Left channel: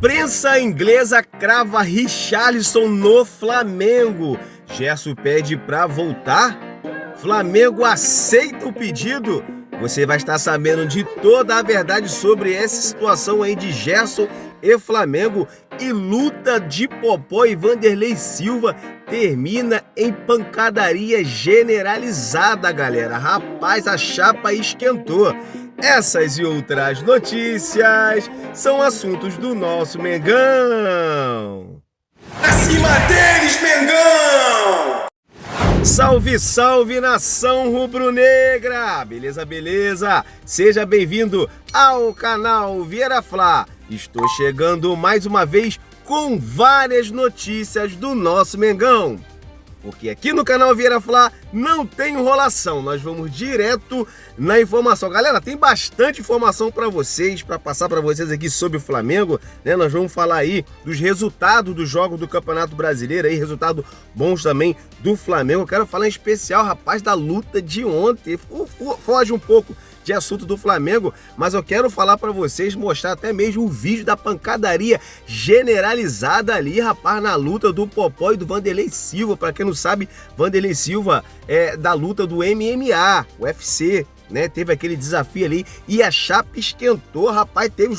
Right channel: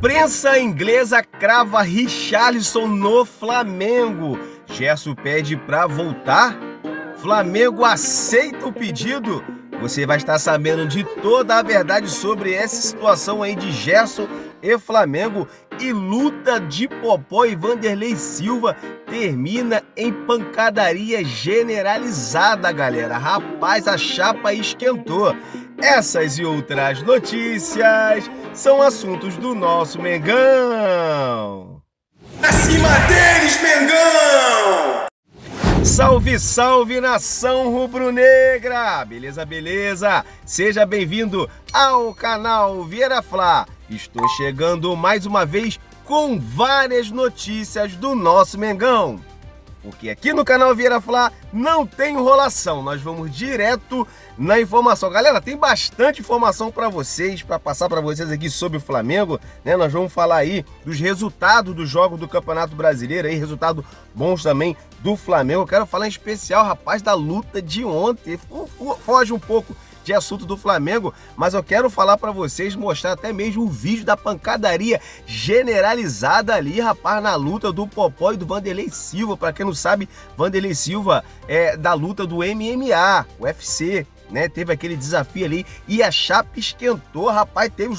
Imprensa inglesa crava Richarlison no Flamengo. Gerson pede para voltar? Flamengo aceita o pedido? Você vai estar sabendo de toda a verdade sobre essa situação aí de Gerson e Flamengo. E luta de Popó e Vanderlei Silva termina em pancadaria generalizada, galera. Rapaz, a chapa esquentou. Essas e outras notícias são assuntos do nosso Mengão. Acima deles, Mengão! Salve, salve, nação rubro-negra! Beleza, beleza? Seja bem-vindo ao canal Vieira Fla. Estou chegando mais uma vez com várias notícias do nosso Mengão. Porque aqui no canal Vieira Fla não tem enrolação, nós vamos direto na informação. Galera, tem bastante informação para vocês, para passar para vocês aqui sobre o Flamengo, né? Nós vamos falar aí dos resultados dos jogos do Campeonato Brasileiro, aí resultados bons também do Flamengo. Eu quero falar em especial, rapaz, da luta de ontem. Foge um pouco de assunto do Flamengo, mas eu quero falar para vocês, mostrar até mesmo o vídeo da pancadaria generalizada ali, rapaz, na luta do Popó e do Vanderlei Silva. Para quem não sabe, Vanderlei Silva é da luta do MMA, UFC, né? Teve aquele desafio ali e a chapa esquentou, rapaz. Teve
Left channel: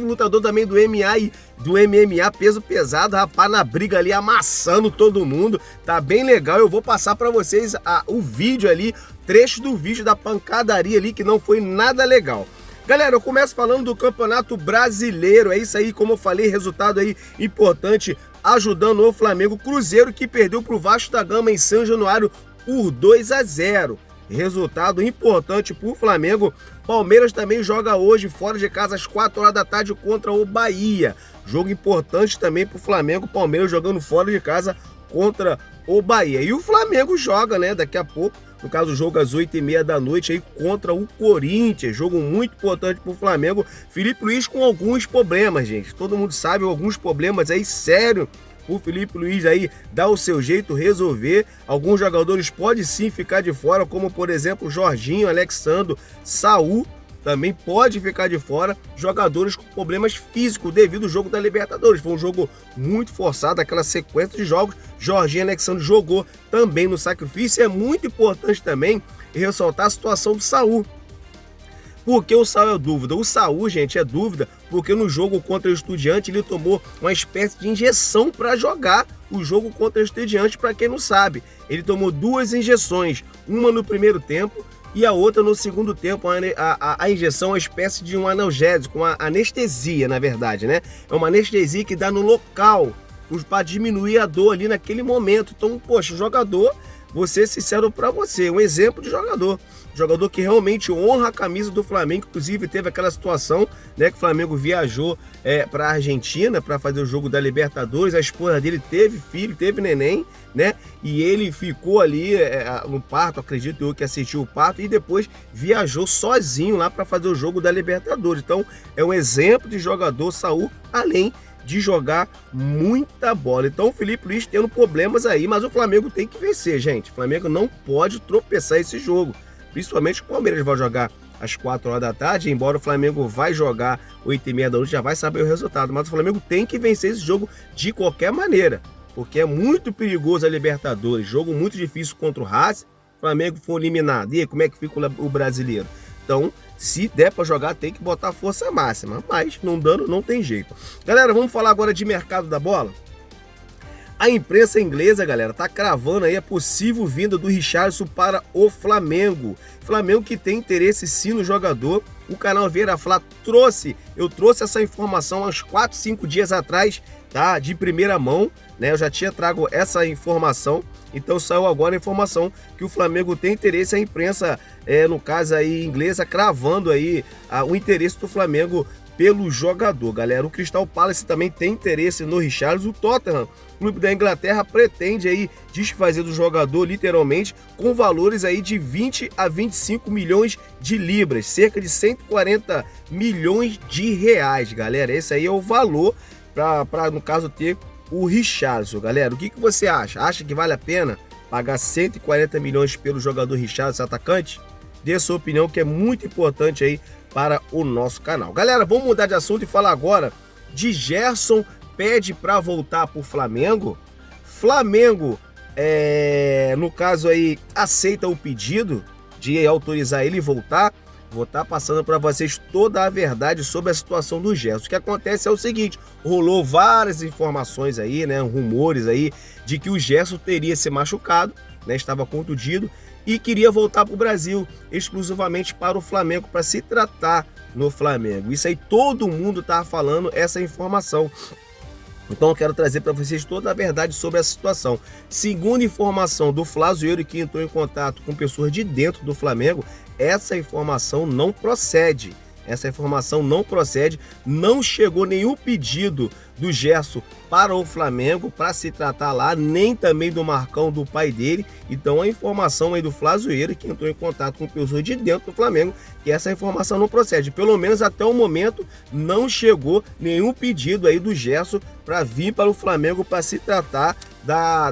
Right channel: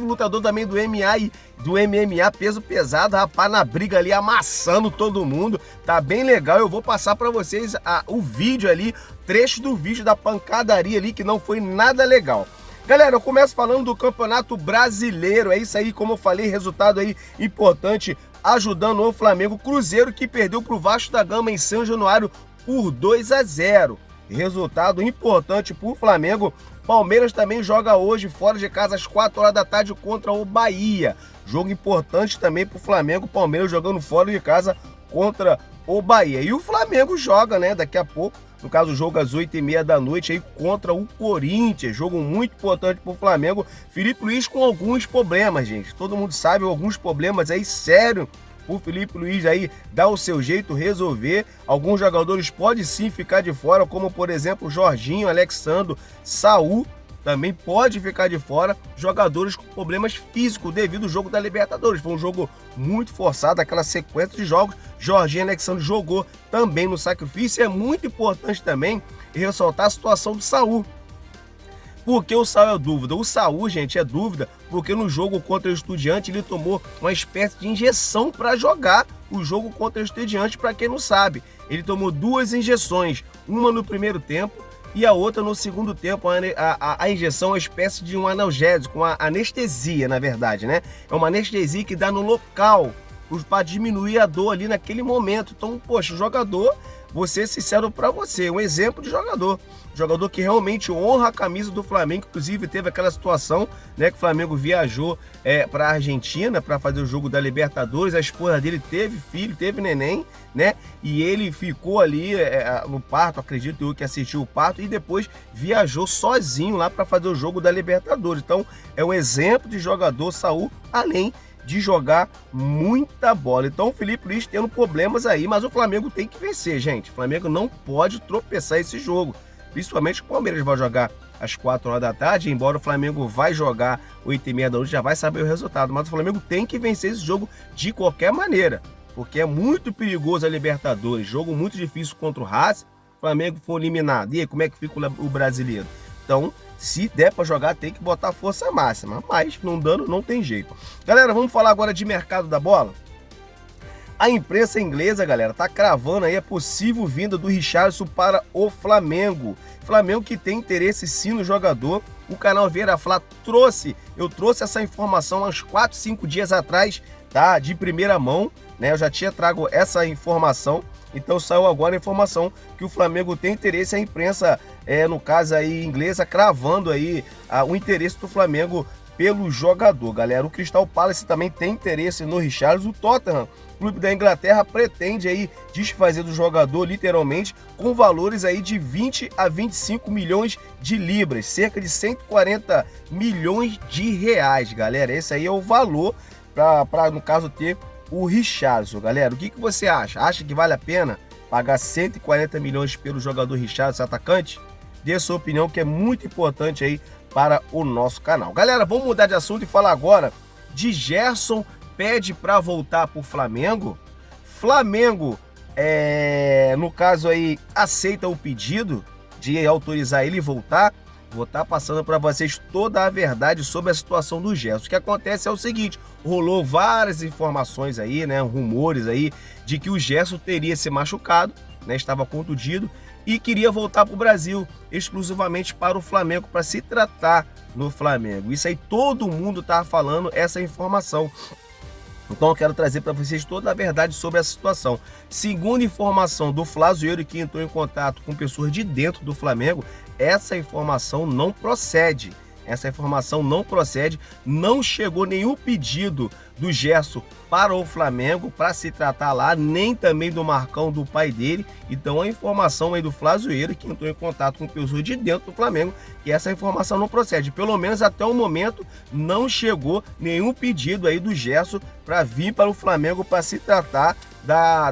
lutador também do MMA peso pesado, rapaz, na briga ali, amassando todo mundo. Tá bem legal. Eu vou passar para vocês o vídeo ali, trecho do vídeo da pancadaria ali, que não foi nada legal. Galera, eu começo falando do Campeonato Brasileiro. É isso aí, como eu falei, resultado aí importante ajudando o Flamengo. Cruzeiro que perdeu pro Vasco da Gama em São Januário por 2-0. Resultado importante pro Flamengo. Palmeiras também joga hoje fora de casa às 4 horas da tarde contra o Bahia. Jogo importante também pro Flamengo. Palmeiras jogando fora de casa contra o Bahia. E o Flamengo joga, né, daqui a pouco. No caso, o jogo às 8h30 da noite aí contra o Corinthians. Jogo muito importante pro Flamengo. Felipe Luiz com alguns problemas, gente. Todo mundo sabe, alguns problemas aí sério. O Felipe Luiz aí dá o seu jeito resolver. Alguns jogadores podem sim ficar de fora, como por exemplo Jorginho, Alexandro, Saul também pode ficar de fora. Jogadores com problemas físicos devido ao jogo da Libertadores. Foi um jogo muito forçado, aquela sequência de jogos. Jorginho e Alexandre jogou também no sacrifício. É muito importante também ressaltar a situação do Saul. Porque o Saul é dúvida. O Saul, gente, é dúvida porque no jogo contra o Estudiante ele tomou uma espécie de injeção para jogar o jogo contra o Estudiante. Para quem não sabe, ele tomou 2 injeções, uma no primeiro tempo e a outra no segundo tempo. A injeção é uma espécie de um analgésico, uma anestesia, na verdade, né? É uma anestesia que dá no local para diminuir a dor ali naquele momento. Então, poxa, o jogador, vou ser sincero para você, um exemplo de jogador que realmente honra a camisa do Flamengo. Inclusive teve aquela situação, né, que o Flamengo viajou para a Argentina para fazer o jogo da Libertadores. A esposa dele teve filho, teve neném, né, e ele ficou ali no parto, acredito eu que assistiu o parto, e depois viajou sozinho lá para fazer o jogo da Libertadores. Então é um exemplo de jogador, Saul, além de jogar muita bola. Então o Felipe Luiz tendo problemas aí, mas o Flamengo tem que vencer, gente. O Flamengo não pode tropeçar esse jogo, principalmente o Palmeiras vai jogar às 4 horas da tarde, embora o Flamengo vai jogar 8h30 da noite, já vai saber o resultado, mas o Flamengo tem que vencer esse jogo de qualquer maneira, porque é muito perigoso a Libertadores, jogo muito difícil contra o Racing. O Flamengo for eliminado, e aí, como é que fica o brasileiro? Então, se der para jogar, tem que botar força máxima, mas não dando, não tem jeito. Galera, vamos falar agora de mercado da bola? A imprensa inglesa, galera, tá cravando aí a possível vinda do Richarlison para o Flamengo. Flamengo que tem interesse sim no jogador. O canal Vieira Fla eu trouxe essa informação há uns 4, 5 dias atrás, tá? De primeira mão, né? Eu já tinha trago essa informação, então saiu agora a informação que o Flamengo tem interesse. A imprensa, no caso aí inglesa, cravando aí o interesse do Flamengo pelo jogador, galera. O Crystal Palace também tem interesse no Richarlison. O Tottenham, clube da Inglaterra, pretende aí desfazer do jogador literalmente com valores aí de 20 a 25 milhões de libras, cerca de 140 milhões de reais, galera. Esse aí é o valor para no caso ter o Richarlison, galera. O que você acha? Acha que vale a pena pagar 140 milhões pelo jogador Richarlison, atacante? Dê a sua opinião, que é muito importante aí para o nosso canal. Galera, vamos mudar de assunto e falar agora de Gerson pede para voltar para o Flamengo. Flamengo, no caso aí, aceita o pedido de autorizar ele voltar. Vou estar passando para vocês toda a verdade sobre a situação do Gerson. O que acontece é o seguinte, rolou várias informações aí, né, rumores aí, de que o Gerson teria se machucado, né, estava contundido e queria voltar para o Brasil, exclusivamente para o Flamengo, para se tratar no Flamengo. Isso aí todo mundo está falando essa informação. Então eu quero trazer para vocês toda a verdade sobre essa situação. Segundo informação do Flazoeiro, que entrou em contato com pessoas de dentro do Flamengo, essa informação não procede. Essa informação não procede, não chegou nenhum pedido do Gerson para o Flamengo para se tratar lá, nem também do Marcão, do pai dele. Então a informação aí do Flazoeiro, que entrou em contato com pessoas de dentro do Flamengo, que essa informação não procede. Pelo menos até o momento não chegou nenhum pedido aí do Gerson para vir para o Flamengo para se tratar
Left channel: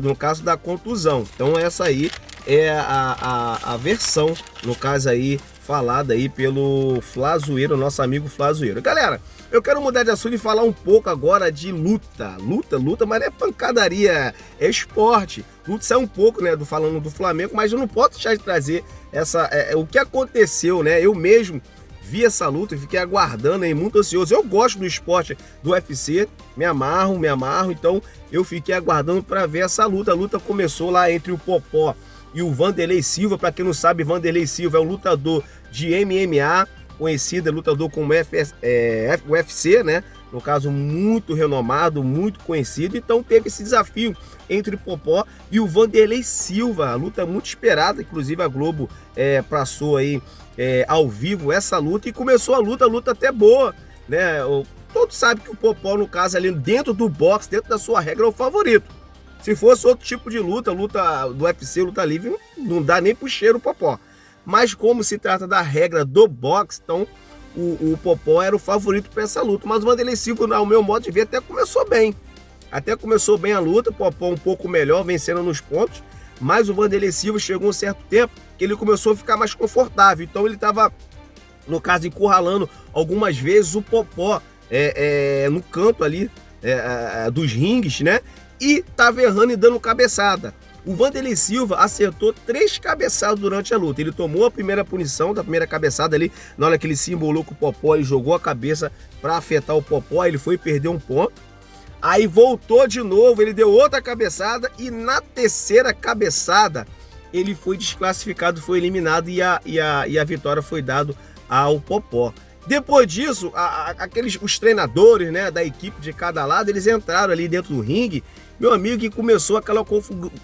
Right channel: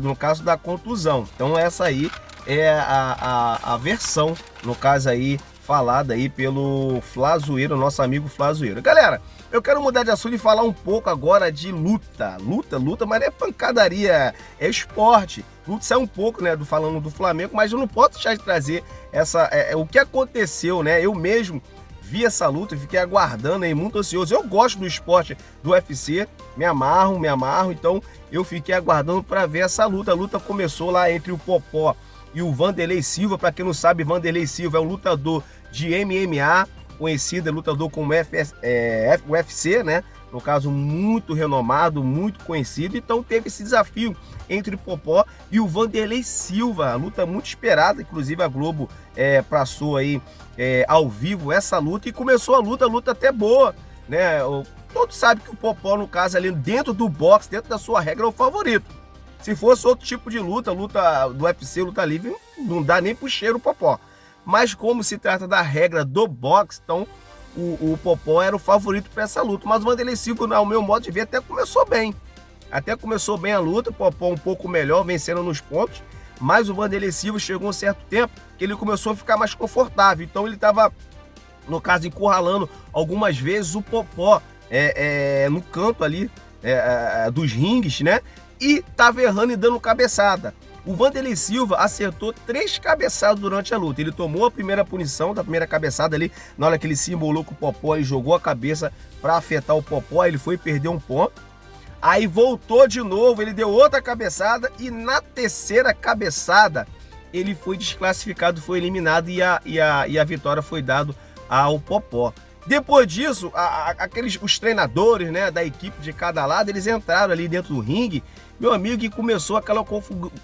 no caso da contusão. Então essa aí é a versão, no caso aí, falada aí pelo Flazoeiro, nosso amigo Flazoeiro. Galera, eu quero mudar de assunto e falar um pouco agora de luta. Luta, mas não é pancadaria, é esporte. Luta sai um pouco, né, falando do Flamengo, mas eu não posso deixar de trazer o que aconteceu, né? Eu mesmo vi essa luta e fiquei aguardando aí, muito ansioso. Eu gosto do esporte do UFC, me amarro, então eu fiquei aguardando para ver essa luta. A luta começou lá entre o Popó e o Wanderlei Silva. Para quem não sabe, Wanderlei Silva é um lutador de MMA, conhecido, lutador como UFC, né? No caso, muito renomado, muito conhecido. Então teve esse desafio entre o Popó e o Wanderlei Silva. A luta muito esperada, inclusive a Globo passou aí ao vivo essa luta e começou a luta até boa, né? Todos sabem que o Popó, no caso ali dentro do boxe, dentro da sua regra, é o favorito. Se fosse outro tipo de luta do UFC, luta livre, não dá nem pro cheiro o Popó. Mas como se trata da regra do boxe, então o Popó era o favorito para essa luta. Mas o Wanderlei Silva, ao meu modo de ver, até começou bem. A luta, o Popó um pouco melhor, vencendo nos pontos. Mas o Wanderlei Silva chegou um certo tempo que ele começou a ficar mais confortável. Então ele estava, no caso, encurralando algumas vezes o Popó no canto ali dos ringues, né? E estava errando e dando cabeçada. O Wanderlei Silva acertou 3 cabeçadas durante a luta. Ele tomou a primeira punição da primeira cabeçada ali, na hora que ele se embolou com o Popó, ele jogou a cabeça para afetar o Popó, ele foi perder um ponto. Aí voltou de novo, ele deu outra cabeçada e na terceira cabeçada ele foi desclassificado, foi eliminado e a vitória foi dada ao Popó. Depois disso, os treinadores, né, da equipe de cada lado, eles entraram ali dentro do ringue, meu amigo, e começou aquela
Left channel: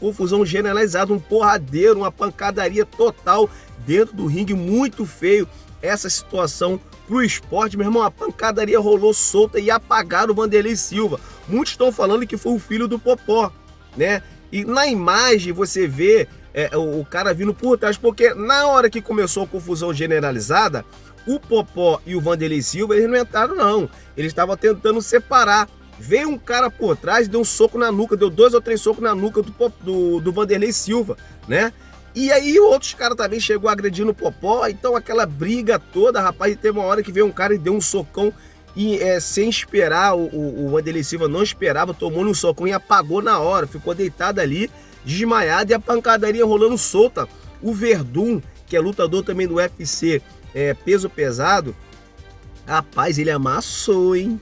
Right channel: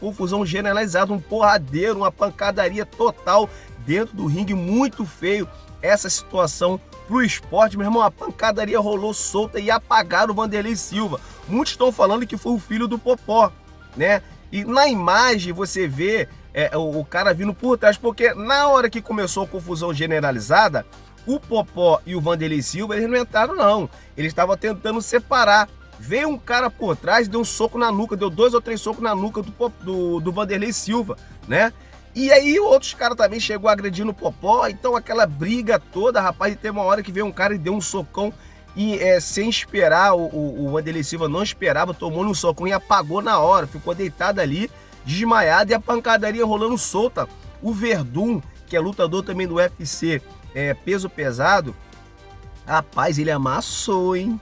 confusão generalizada, um porradeiro, uma pancadaria total dentro do ringue, muito feio essa situação pro esporte, meu irmão. A pancadaria rolou solta e apagaram o Wanderlei Silva. Muitos estão falando que foi o filho do Popó, né? E na imagem você vê o cara vindo por trás, porque na hora que começou a confusão generalizada, o Popó e o Wanderlei Silva, eles não entraram não, eles estavam tentando separar. Veio um cara por trás, deu um soco na nuca, deu 2 ou 3 socos na nuca do Wanderlei Silva, né? E aí outros caras também chegou agredindo o Popó, então aquela briga toda, rapaz, e teve uma hora que veio um cara e deu um socão e sem esperar, o Wanderlei Silva não esperava, tomou um socão e apagou na hora, ficou deitado ali, desmaiado, e a pancadaria rolando solta. O Werdum, que é lutador também do UFC, peso pesado, rapaz, ele amassou, hein?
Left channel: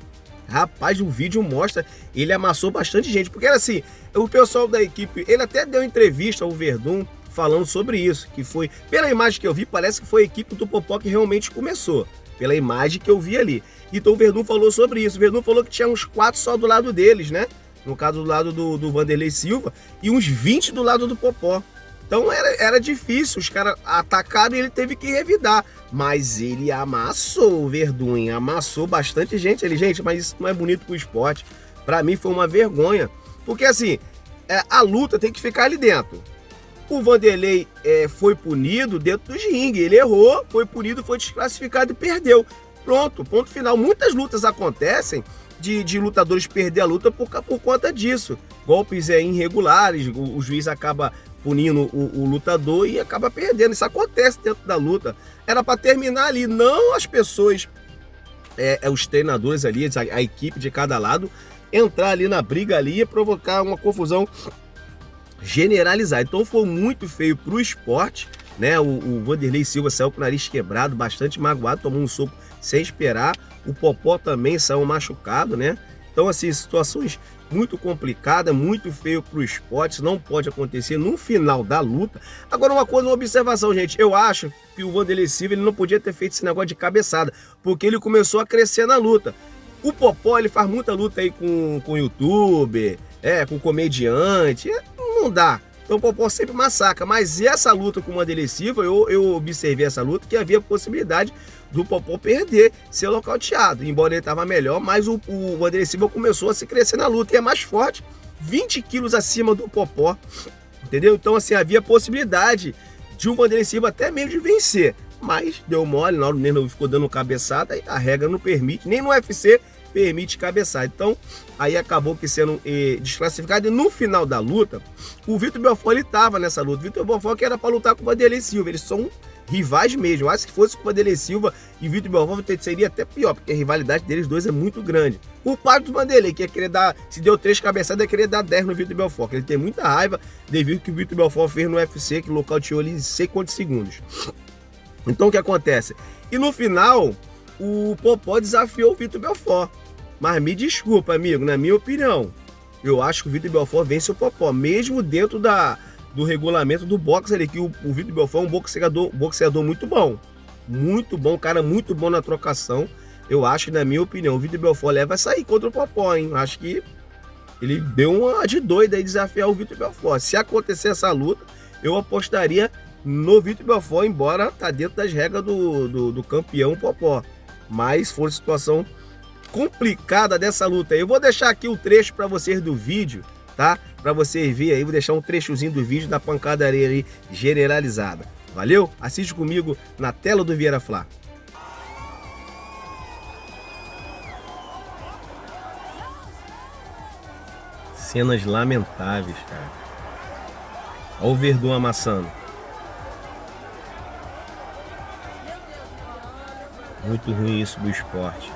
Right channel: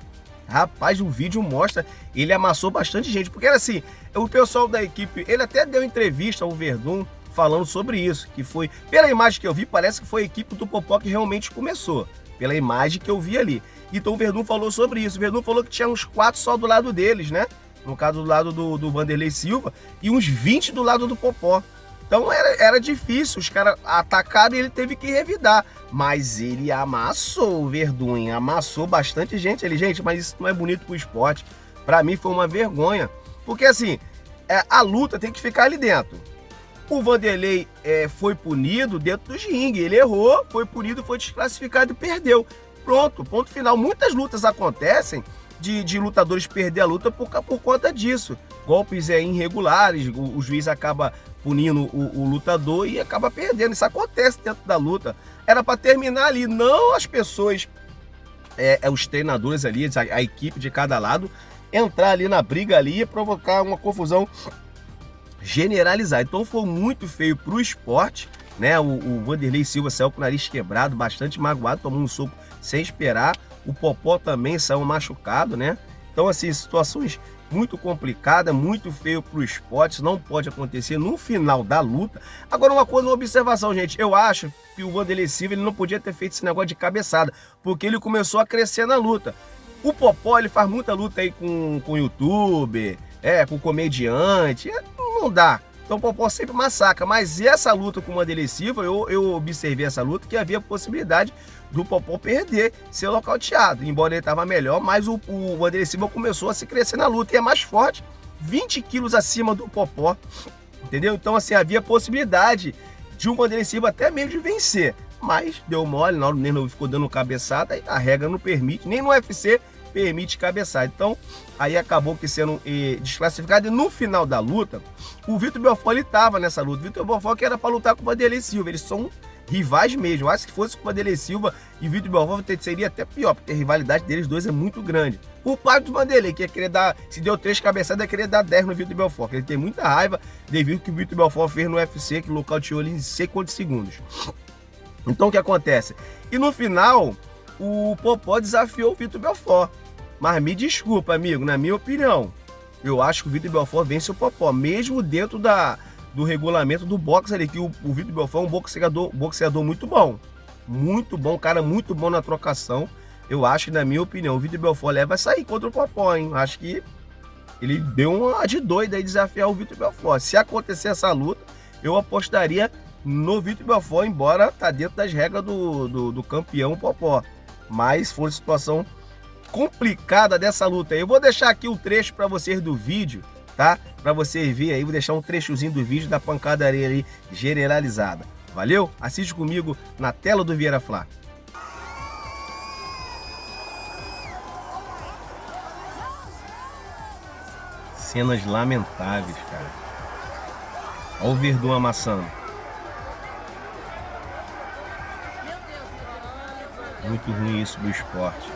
Rapaz, o vídeo mostra, ele amassou bastante gente, porque assim, o pessoal da equipe, ele até deu entrevista ao Werdum falando sobre isso, que foi, pela imagem que eu vi, parece que foi a equipe do Popó que realmente começou, pela imagem que eu vi ali. Então o Werdum falou sobre isso, o Werdum falou que tinha uns 4 só do lado deles, né? No caso do lado do Wanderlei Silva, e uns 20 do lado do Popó. Então era difícil, os caras atacaram e ele teve que revidar. Mas ele amassou o Werdum, amassou bastante gente ali. Gente, mas isso não é bonito pro esporte. Pra mim foi uma vergonha. Porque assim, a luta tem que ficar ali dentro. O Wanderlei foi punido dentro dos ringue. Ele errou, foi punido, foi desclassificado e perdeu. Pronto, ponto final. Muitas lutas acontecem de lutadores perder a luta por conta disso. Golpes irregulares, o juiz acaba punindo o lutador e acaba perdendo. Isso acontece dentro da luta. Era para terminar ali, não as pessoas os treinadores ali, a equipe de cada lado, entrar ali na briga ali e provocar uma confusão generalizada. Então foi muito feio pro esporte, né? O Vanderlei Silva saiu com o nariz quebrado, bastante magoado, tomou um soco sem esperar. O Popó também saiu machucado, né? Então, assim, situações muito complicadas, muito feio pro esporte, isso não pode acontecer no final da luta. Agora, uma coisa, uma observação, gente, eu acho que o Vanderlei Silva ele não podia ter feito esse negócio de cabeçada, porque ele começou a crescer na luta. O Popó, ele faz muita luta aí com youtuber, com comediante, não dá. Então o Popó sempre massacra, mas essa luta com o Vanderlei Silva, eu observei essa luta que havia possibilidade do Popó perder, ser nocauteado. Embora ele estava melhor, mas o Vanderlei Silva começou a se crescer na luta e é mais forte, 20 quilos acima do Popó, entendeu? Então assim, havia possibilidade de um Vanderlei Silva até mesmo de vencer, mas deu mole, na hora mesmo ficou dando cabeçada e a regra não permite, nem no UFC permite cabeçada. Então, aí acabou que sendo desclassificado. E no final da luta, o Vitor Belfort, ele estava nessa luta. O Vitor Belfort que era para lutar com o Vanderlei Silva. Eles são rivais mesmo. Eu acho que fosse com o Vanderlei Silva e o Vitor Belfort seria até pior, porque a rivalidade deles dois é muito grande. O pai do Vanderlei, que ia querer dar, se deu 3 cabeçadas, ia querer dar 10 no Vitor Belfort. Ele tem muita raiva devido ao que o Vitor Belfort fez no UFC, que nocauteou ele em sei quantos segundos. Então, o que acontece? E no final, o Popó desafiou o Vitor Belfort. Mas me desculpa, amigo, na minha opinião, eu acho que o Vitor Belfort vence o Popó, mesmo dentro do regulamento do boxe ali, que o Vitor Belfort é um boxeador muito bom, cara muito bom na trocação. Eu acho que, na minha opinião, o Vitor Belfort leva a sair contra o Popó, hein? Eu acho que ele deu uma de doido aí desafiar o Vitor Belfort. Se acontecer essa luta, eu apostaria no Vitor Belfort, embora tá dentro das regras do campeão Popó. Mas foi situação complicada dessa luta. Eu vou deixar aqui o trecho para vocês do vídeo, tá? Para vocês verem aí, vou deixar um trechozinho do vídeo da pancadaria ali generalizada. Valeu? Assiste comigo na tela do Vieira Fla. Cenas lamentáveis, cara. Olha o Verdun amassando. Muito ruim isso do esporte.